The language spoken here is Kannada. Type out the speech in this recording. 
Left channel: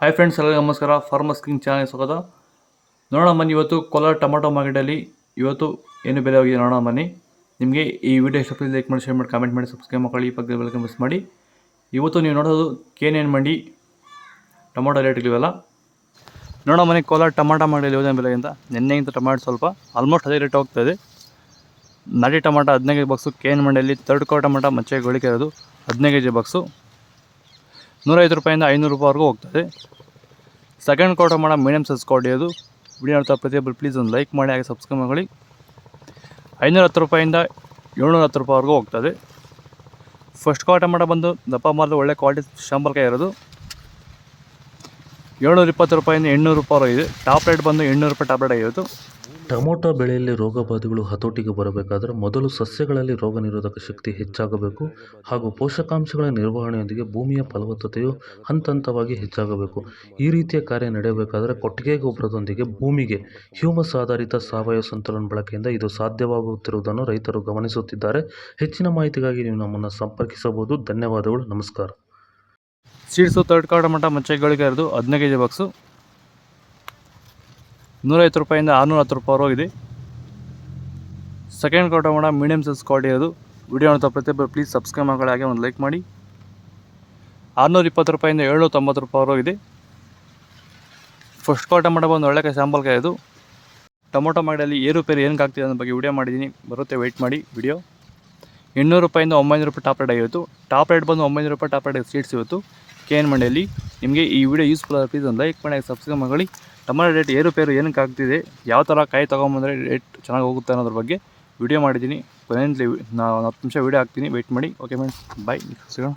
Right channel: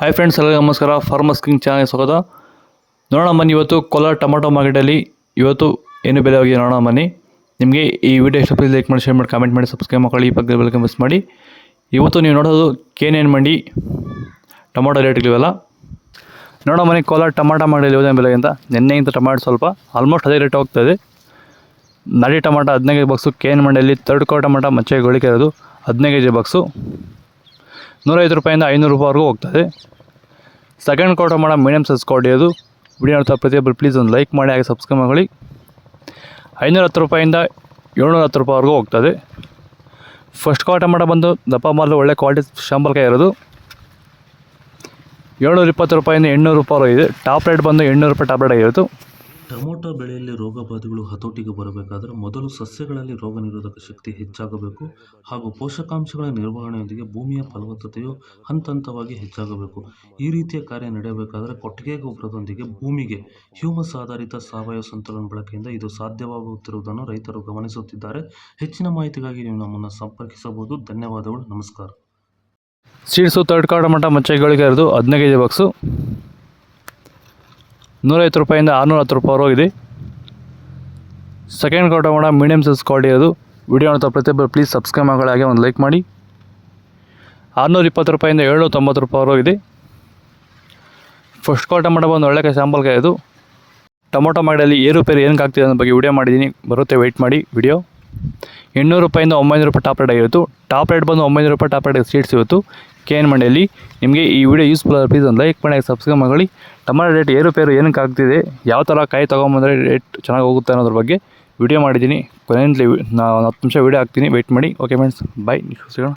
ಹಾಯ್ ಫ್ರೆಂಡ್ಸ್, ಎಲ್ಲರಿಗೂ ನಮಸ್ಕಾರ. ಫಾರ್ಮರ್ಸ್ ಕಿಂಗ್ ಚಾನಲ್ ಸ್ವಾಗತ. ನೋಡೋಣ ಬನ್ನಿ, ಇವತ್ತು ಕೋಲಾರ ಟೊಮಾಟೊ ಮಾರ್ಕೆಟಲ್ಲಿ ಇವತ್ತು ಏನು ಬೆಲೆ ಹೋಗಿದೆ ನೋಡೋಣ ಬನ್ನಿ. ನಿಮಗೆ ಈ ವಿಡಿಯೋ ಇಷ್ಟ ಪ್ಲೀಸ್ ಲೈಕ್ ಮಾಡಿ, ಶೇರ್ ಮಾಡಿ, ಕಾಮೆಂಟ್ ಮಾಡಿ, ಸಬ್ಸ್ಕ್ರೈಬ್ ಮಾಡಿ, ಈ ಪಕ್ಕದ ಬೆಲ್ ಮಿಸ್ ಮಾಡಿ. ಇವತ್ತು ನೀವು ನೋಡೋದು KNN ಮಂಡಿ ಟೊಮಾಟೊ ರೇಟ್ಗಳಿವೆಲ್ಲ ನೋಡೋಣ ಬನ್ನಿ. ಕೋಲಾರ ಟೊಮಾಟೊ ಮಾರ್ಕೆಟಲ್ಲಿ ಇವತ್ತಿನ ಬೆಲೆ ಅಂತ ನಿನ್ನೆಗಿಂತ ಟೊಮಾಟೊ ಸ್ವಲ್ಪ ಆಲ್ಮೋಸ್ಟ್ ಅದೇ ರೇಟ್ ಹೋಗ್ತಾಯಿದೆ. ನಾಟಿ ಟೊಮಾಟೊ 15 ಬಾಕ್ಸು, KNN ಮಂಡಿಯಲ್ಲಿ ಥರ್ಡ್ ಕೋ ಟೊಮಾಟೊ ಮಚ್ಚೆ ಗಳಿಕೆ ಇರೋದು 15 kg ಬಾಕ್ಸು 150 ರೂಪಾಯಿಂದ 500 ರೂಪಾಯಿವರೆಗೂ ಹೋಗ್ತದೆ. ಸೆಕೆಂಡ್ ಕೋ ಟೊಮಾಟೊ ಮೀಡಿಯಮ್ ಸೈಜ್ ಕ್ವಾಲಿಟಿ ಅದು. ವಿಡಿಯೋ ನೋಡ್ತಾ ಪ್ರತಿಯೊಬ್ಬರು ಪ್ಲೀಸ್ ಒಂದು ಲೈಕ್ ಮಾಡಿ, ಹಾಗೆ ಸಬ್ಸ್ಕ್ರೈಬ್ ಮಾಡಿ. 510 ರೂಪಾಯಿಂದ 710 ರೂಪಾಯಿವರೆಗೂ ಹೋಗ್ತದೆ. ಫಸ್ಟ್ ಕೋ ಟೊಮಾಟೊ ಬಂದು ದಪ್ಪ ಮಾರ್ದು ಒಳ್ಳೆ ಕ್ವಾಲಿಟಿ ಶಾಂಬಲ್ಕಾಯಿ ಇರೋದು 720 ರೂಪಾಯಿಂದ 800 ರೂಪಾಯಿ ಇದೆ. ಟಾಪ್ ರೇಟ್ ಬಂದು 800 ರೂಪಾಯಿ ಟಾಪ್ ರೇಟ್ ಆಗಿರೋದು. ಟೊಮೊಟೊ ಬೆಳೆಯಲ್ಲಿ ರೋಗಬಾಧೆಗಳು ಹತೋಟಿಗೆ ಬರಬೇಕಾದರೆ ಮೊದಲು ಸಸ್ಯಗಳಲ್ಲಿ ರೋಗ ನಿರೋಧಕ ಶಕ್ತಿ ಹೆಚ್ಚಾಗಬೇಕು ಹಾಗೂ ಪೋಷಕಾಂಶಗಳ ನಿರ್ವಹಣೆಯೊಂದಿಗೆ ಭೂಮಿಯ ಫಲವತ್ತತೆಯು ಹಂತವಾಗಿ ಹೆಚ್ಚಾಗಬೇಕು. ಈ ರೀತಿಯ ಕಾರ್ಯ ನಡೆಯಬೇಕಾದರೆ ಕೊಟ್ಟಿಗೆ ಗೊಬ್ಬರದೊಂದಿಗೆ ಭೂಮಿಗೆ ಹ್ಯೂಮಸ್ ಆಧಾರಿತ ಸಾವಯವ ಸಂತುಲನ ಬಳಕೆಯಿಂದ ಇದು ಸಾಧ್ಯವಾಗುತ್ತಿರುವುದನ್ನು ರೈತರು ಗಮನಿಸುತ್ತಿದ್ದಾರೆ. ಹೆಚ್ಚಿನ ಮಾಹಿತಿಗಾಗಿ ನೀವು ನಮ್ಮನ್ನು ಸಂಪರ್ಕಿಸಬಹುದು. ಧನ್ಯವಾದಗಳು. ನಮಸ್ಕಾರ. ಸೀಡ್ಸು ಥರ್ಡ್ ಕೋ ಟೊಮಾಟೊ ಮಚ್ಚೆಗಳಿಗೆ ಇರೋದು 15 kg ಬಾಕ್ಸು 150 ರೂಪಾಯಿಂದ 610 ರೂಪಾಯಿವರೆಗೂ ಇದೆ. ಸೆಕೆಂಡ್ ಕೋ ಟೊಮಾಟೊ ಮೀಡಿಯಮ್ ಸೈಜ್ ಕ್ವಾಲಿಟಿ ಇರೋದು. ವಿಡಿಯೋ ನೋಡ್ತಾ ಪ್ರತಿಯೊಬ್ಬರು ಪ್ಲೀಸ್ ಸಬ್ಸ್ಕ್ರೈಬ್ ಮಾಡಿ, ಹಾಗೆ ಒಂದು ಲೈಕ್ ಮಾಡಿ. 620 ರೂಪಾಯಿಂದ 790 ರೂಪಾಯಿವರೆಗೂ ಇದೆ. ಫಸ್ಟ್ ಕೋ ಟೊಮಾಟೊ ಬಂದು ಒಳ್ಳೆ ಸ್ಯಾಂಪಲ್ಕಾಯಿ ಇದು. ಟೊಮೊಟೊ ಮಾರ್ಕೆಟಲ್ಲಿ ಏರುಪೇರು ಏನಕ್ಕೆ ಆಗ್ತಿದೆ ಅನ್ನೋ ಬಗ್ಗೆ ವಿಡಿಯೋ ಮಾಡಿದ್ದೀನಿ, ಬರುತ್ತೆ ವೆಯ್ಟ್ ಮಾಡಿ. ವಿಡಿಯೋ 800 ರೂಪಾಯಿಂದ 900 ರೂಪಾಯಿ ಟಾಪ್ ರೇಟ್ ಆಗಿತ್ತು. ಟಾಪ್ ರೇಟ್ ಬಂದು 900 ರೂಪಾಯಿ ಟಾಪ್ ರೇಟ್ ಸೀಡ್ಸ್ ಇವತ್ತು KNN ಮಂಡಿಯಲ್ಲಿ. ನಿಮಗೆ ಈ ವಿಡಿಯೋ ಯೂಸ್ಫುಲ್ ಆದ ಪ್ಲೀಸ್ ಒಂದು ಲೈಕ್ ಮಾಡಿ, ಸಬ್ಸ್ಕ್ರೈಬ್ ಮಾಡಿ. ಟೊಮಾಟೊ ರೇಟ್ ಏರುಪೇರು ಏನಕ್ಕೆ ಆಗ್ತಿದೆ, ಯಾವ ಥರ ಕಾಯಿ ತೊಗೊಂಬಂದರೆ ರೇಟ್ ಚೆನ್ನಾಗಿ ಹೋಗುತ್ತೆ ಅನ್ನೋದ್ರ ಬಗ್ಗೆ ವಿಡಿಯೋ ಮಾಡಿದ್ದೀನಿ. ಕೊನೆಯಲ್ಲಿ ನಾನು 10 ನಿಮಿಷ ವಿಡಿಯೋ ಹಾಕ್ತೀನಿ, ವೆಯ್ಟ್ ಮಾಡಿ. ಓಕೆ ಫ್ರೆಂಡ್ಸ್, ಬಾಯ್. ಸಿಗೋಣ.